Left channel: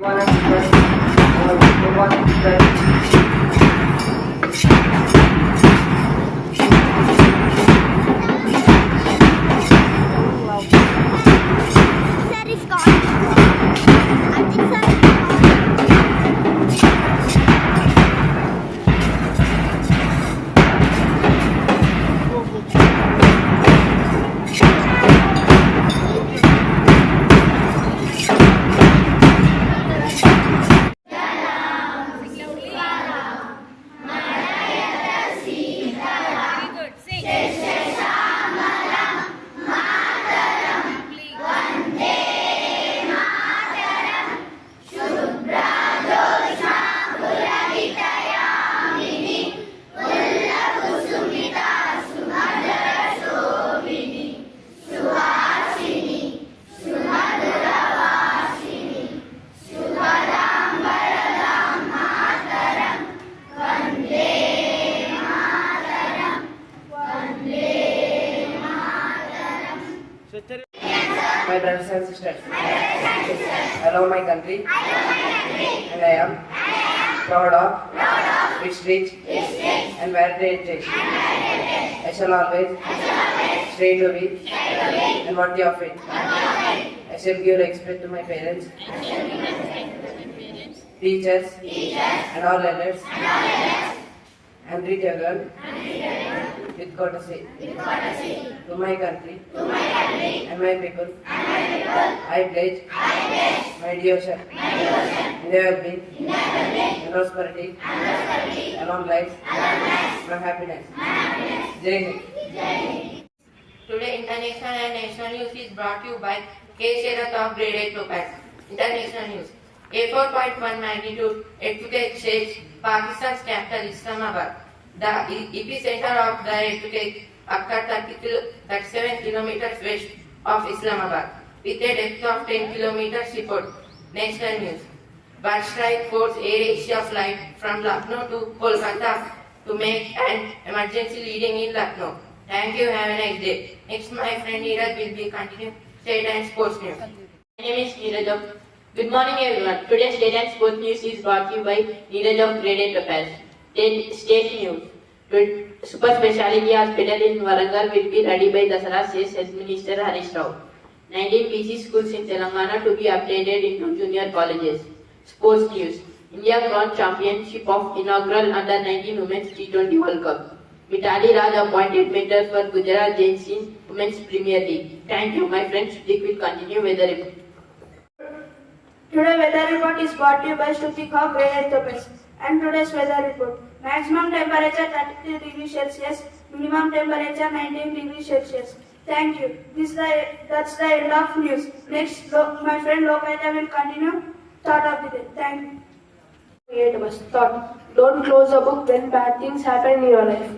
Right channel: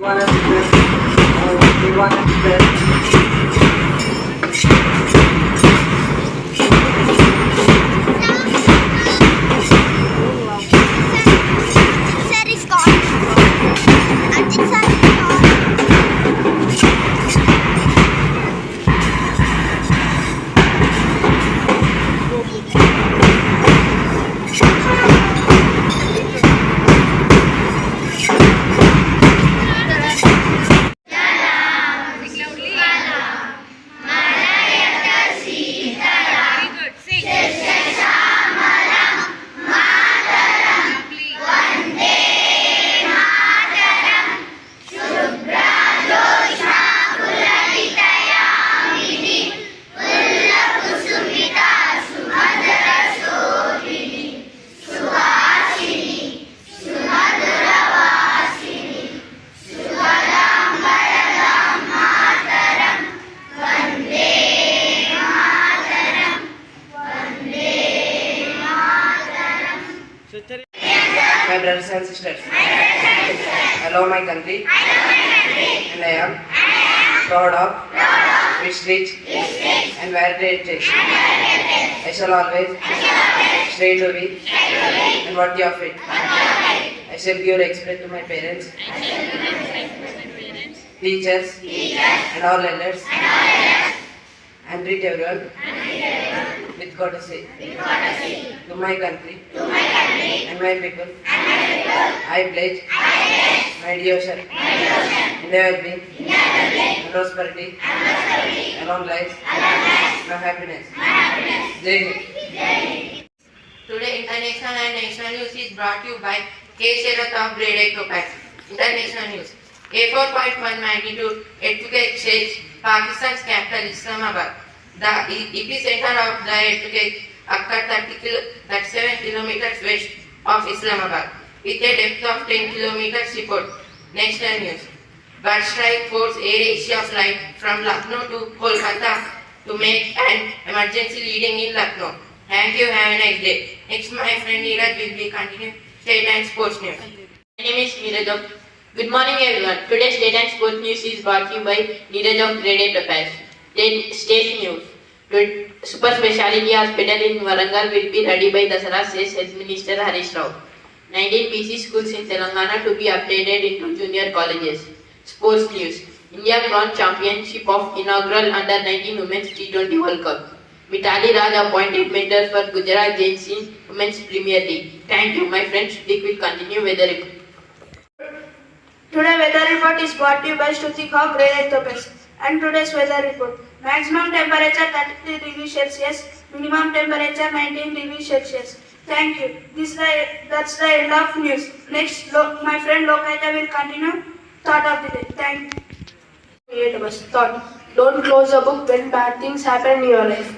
One and plus. One and plus. My brothers and sisters, I love my country and I am proud of its rich and varied heritage. I shall always stay to be and worthy of it. I shall give respect to my parents, teachers and all elders, and treat everyone with courtesy. To my country and my people, I pledge my devotion in their well-being and prosperity, and long life, my happiness. Jai Hind. Today, international and national news is brought to you by K. of Grade-VIII Topaz. International news. A 4.1 magnitude earthquake shakes Pakistan's capital Islamabad. The epicenter of the earthquake occurred 37 kilometers west of Islamabad, with a depth of 10 kilometers report. National news. Bird strike forced Air Asia flight from Lucknow to Kolkata to make an emergency landing in Lucknow. Thank you. Have a nice day. Next, my friend Neeraj will be continuing state and sports news. My name is Neeraj. Good morning, everyone. Today's state and sports news is brought to you by Neeraj of Grade-VIII Topaz. State news. Super Speciality Hospital in Warangal will be ready by Dasara, says Health Minister Harish Rao. 19 PC schools in Telangana to be upgraded into junior colleges. Sports news. India bronze championship of inaugural under-19 Women's T20 World Cup. Mitali Raj appointed mentor for Gujarat Giants in Women's Premier League. Thank you. My friend Shrutik will continue weather report. Today weather report is brought to you by Shrutik of Grade-VIII Topaz. And today's weather report. Maximum temperature 33 degrees Celsius, minimum temperature 19 degrees Celsius. Thank you. That's the end of news. Next, my friend Lokaya will continue thought of the day. Thank you. Thought. Don't close the book when bad things happen in your life.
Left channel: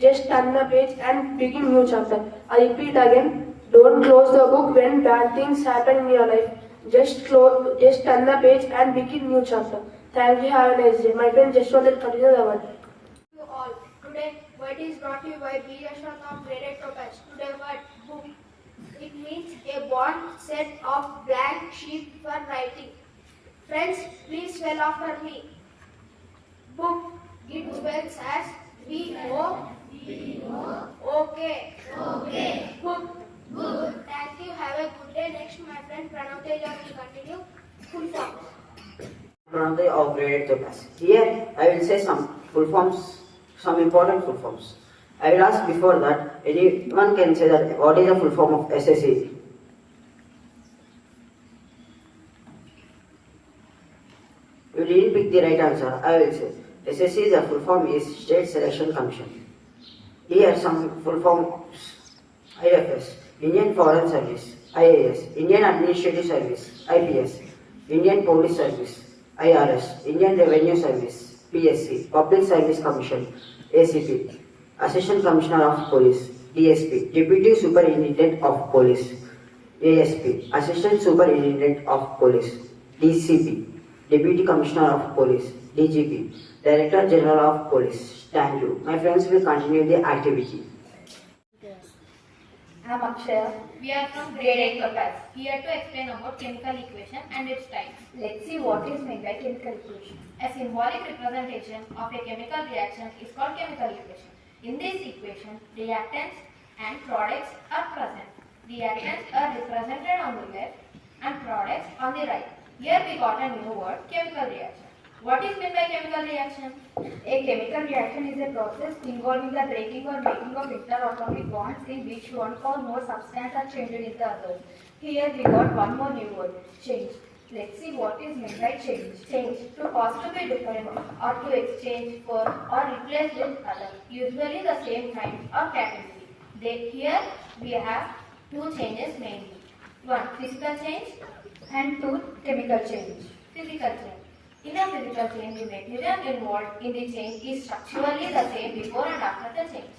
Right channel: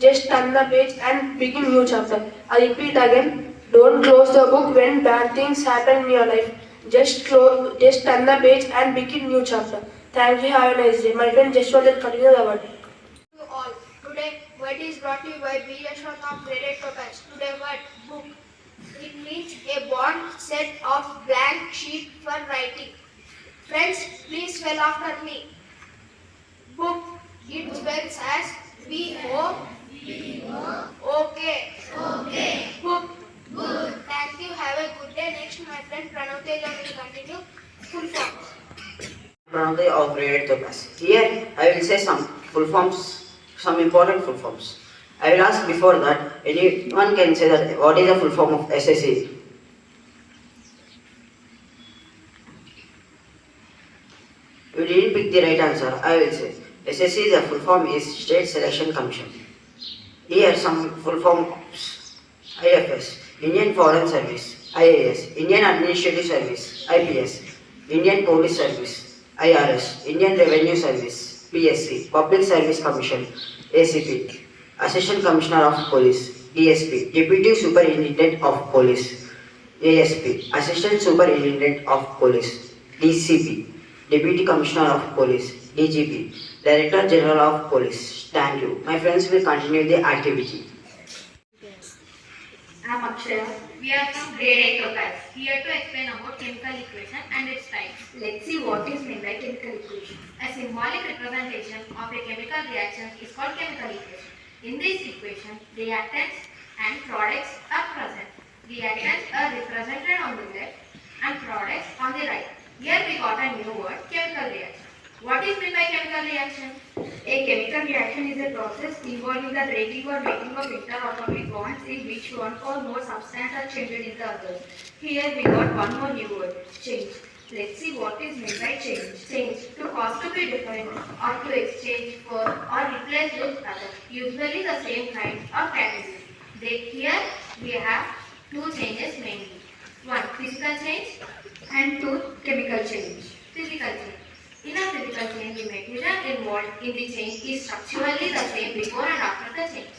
Just turn the page and begin new chapter. I repeat again. Don't close the book when bad things happen in your life. Just turn the page and begin new chapter. Thank you. Have a nice day. My friend Joshua will continue the word. To all. Today, word is brought to you by B. Ashok of Grade-VIII Topaz. Today, word book. It means a bond set of blank sheet for writing. Friends, please spell after me. Book. It spells as B-O. Okay. Book. Good. Thank you. Have a good day. Next, my friend Pranav will continue full forms. Pranay of Grade-VIII Topaz. Here I will say some full forms, some important full forms. I will ask before that, anyone can say that what is the full form of SSC? You didn't pick the right answer. I will say SSC, the full form is State Selection Commission. Here some full forms: IFS, Indian Foreign Service; IAS, Indian Administrative Service; IPS, Indian Police Service; IRS, Indian Revenue Service; PSC, Public Service Commission; ACP, Assistant Commissioner of Police; DSP, Deputy Superintendent of Police; ASP, Assistant Superintendent of Police; DCP, Deputy Commissioner of Police; DGP, Director General of Police. Thank you. My friends will continue the activity. I am Akshaya. We are from Grade-VIII Topaz, here to explain about chemical equation and its types. Let's see what is meant by chemical equation. A symbolic representation of a chemical reaction is called chemical equation. In this equation, reactants and products are present. Reactants are represented on the left and products on the right. Here we got a new word, chemical reaction. What is meant by chemical reaction? A chemical reaction is a process involving the breaking or making of interatomic bonds in which one or more substance are changed into others. Here we got one more new word, change. Let's see what is meant by change. Change, to cause to be different or to exchange for or replace with other, usually the same kind or category. Here we have two changes mainly. One, physical change, and two, chemical change. Physical change. In a physical change, the material involved in the change is structurally the same before and after the change.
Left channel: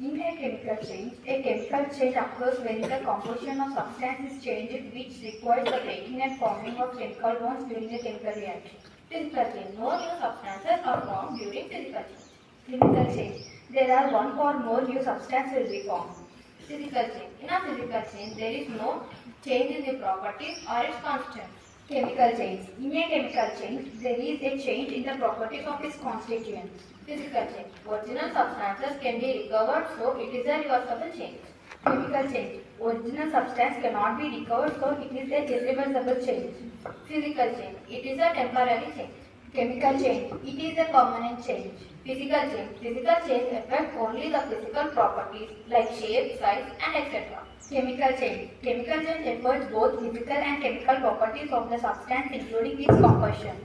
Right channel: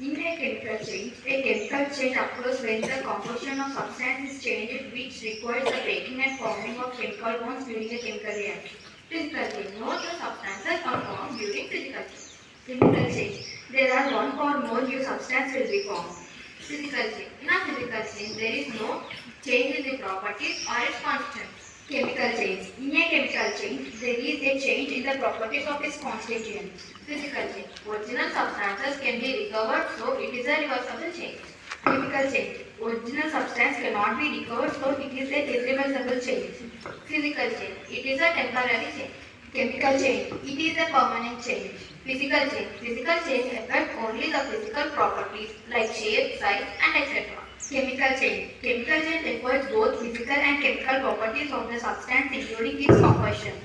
In a chemical change occurs when the composition of substance is changed, which requires the breaking and forming of chemical bonds during a chemical reaction. Physical change. No new substances are formed during physical change. Chemical change. There are one or more new substances will be formed. Physical change. In a physical change, there is no change in the properties or its constants. Chemical change. In a chemical change, there is a change in the properties of its constituents. Physical change. Original substances can be recovered, so it is a reversible change. Chemical change. Original substance cannot be recovered, so it is a irreversible change. Physical change. It is a temporary change. Chemical change. It is a permanent change. Physical change. Physical change affects only the physical properties like shape, size, and etc. Chemical change. Chemical change refers both physical and chemical properties of the substance, including its composition.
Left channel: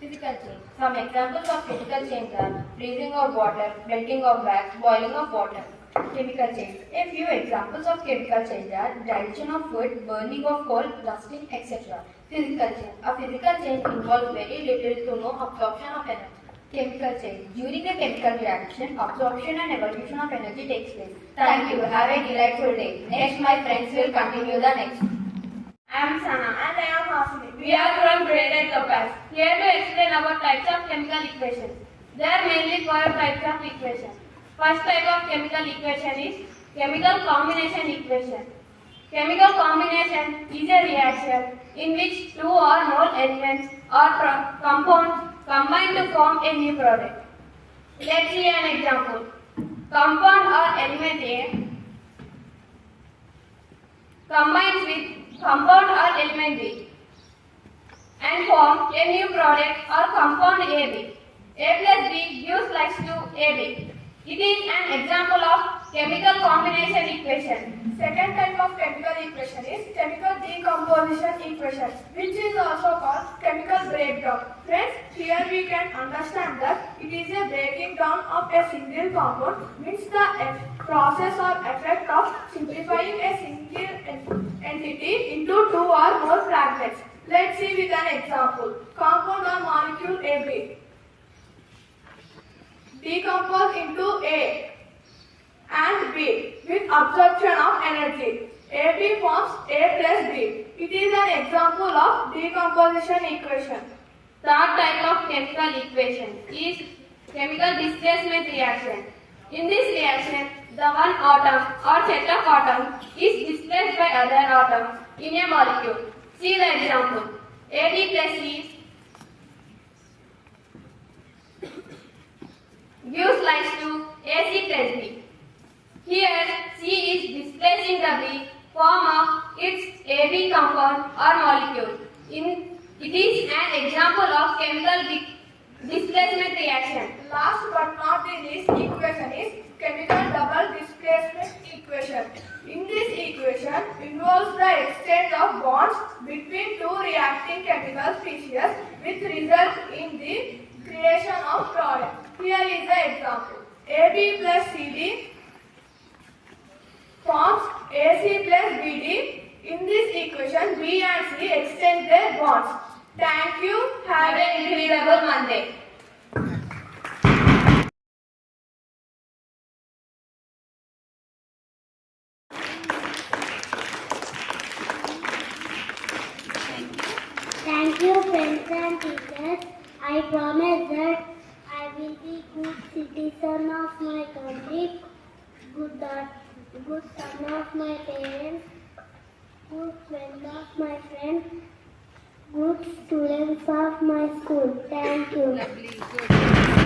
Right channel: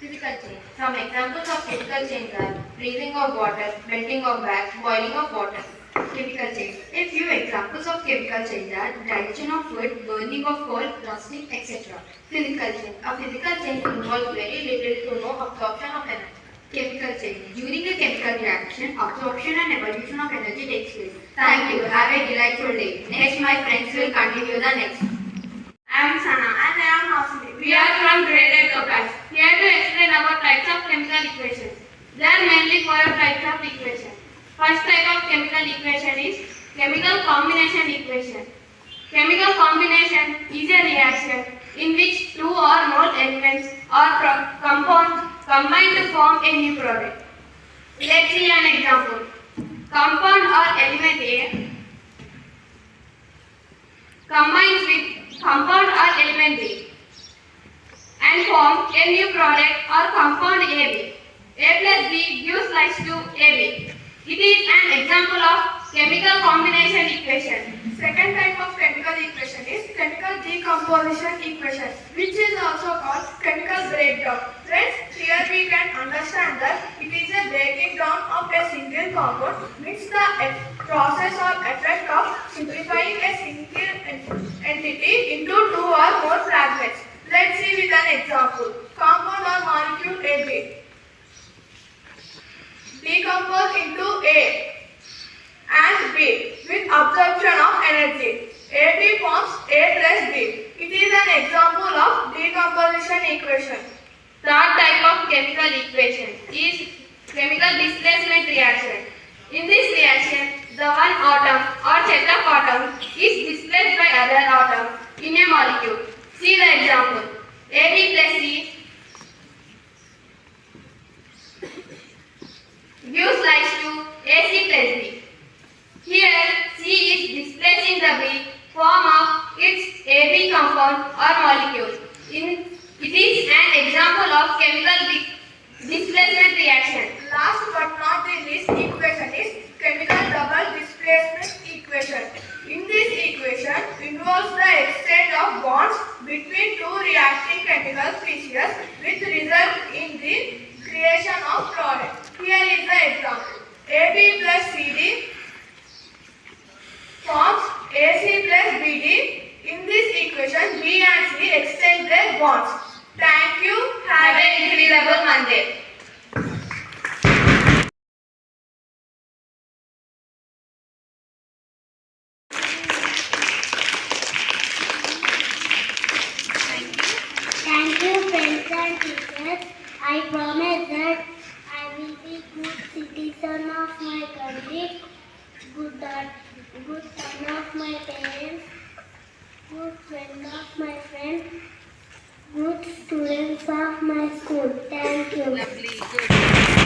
Physical change. Some examples of physical change are freezing of water, melting of wax, boiling of water. Chemical change. A few examples of chemical change are digestion of food, burning of coal, rusting, etc. Physical change. A physical change involves very little to no absorption of energy. Chemical change. During a chemical reaction, absorption and evolution of energy takes place. Thank you. Have a delightful day. Next, my friends will continue the next. I am Sana and I am Hasini. We are from Grade-VIII Topaz, here to explain about types of chemical equations. There are mainly four types of equations. First type of chemical equation is chemical combination equation. Chemical combination is a reaction in which two or more elements or compounds combine to form a new product. Let's see an example. Compound or element A combines with compound or element B and form a new product or compound AB. A plus B gives rise to AB. It is an example of chemical combination equation. Second type of chemical equation is chemical decomposition equation, which is also called chemical breakdown. Friends, here we can understand that it is a breaking down of a single compound, means the process or effect of simplifying a single entity into two or more fragments. Let's see with an example. Compound or molecule AB decompose into A and B with absorption of energy. AB forms A plus B. It is an example of decomposition equation. Third type of chemical equation is chemical displacement reaction. In this reaction, the one atom or set of atoms is displaced by other atom in a molecule. See the example. AB plus C gives rise to AC plus B. Here, C is displacing the B form of its AB compound or molecule. It is an example of chemical displacement reaction. Last but not the least equation is chemical double displacement equation. In this equation involves the exchange of bonds between two reacting chemical species which result in the creation of product. Here is the example. AB plus CD forms AC plus BD. In this equation, B and C exchange their bonds. Thank you. Have an incredible Monday. Thank you, friends and teachers. I promise that I will be good citizen of my country, good son of my parents, my friends, good students of my school. Thank you. Lovely, good.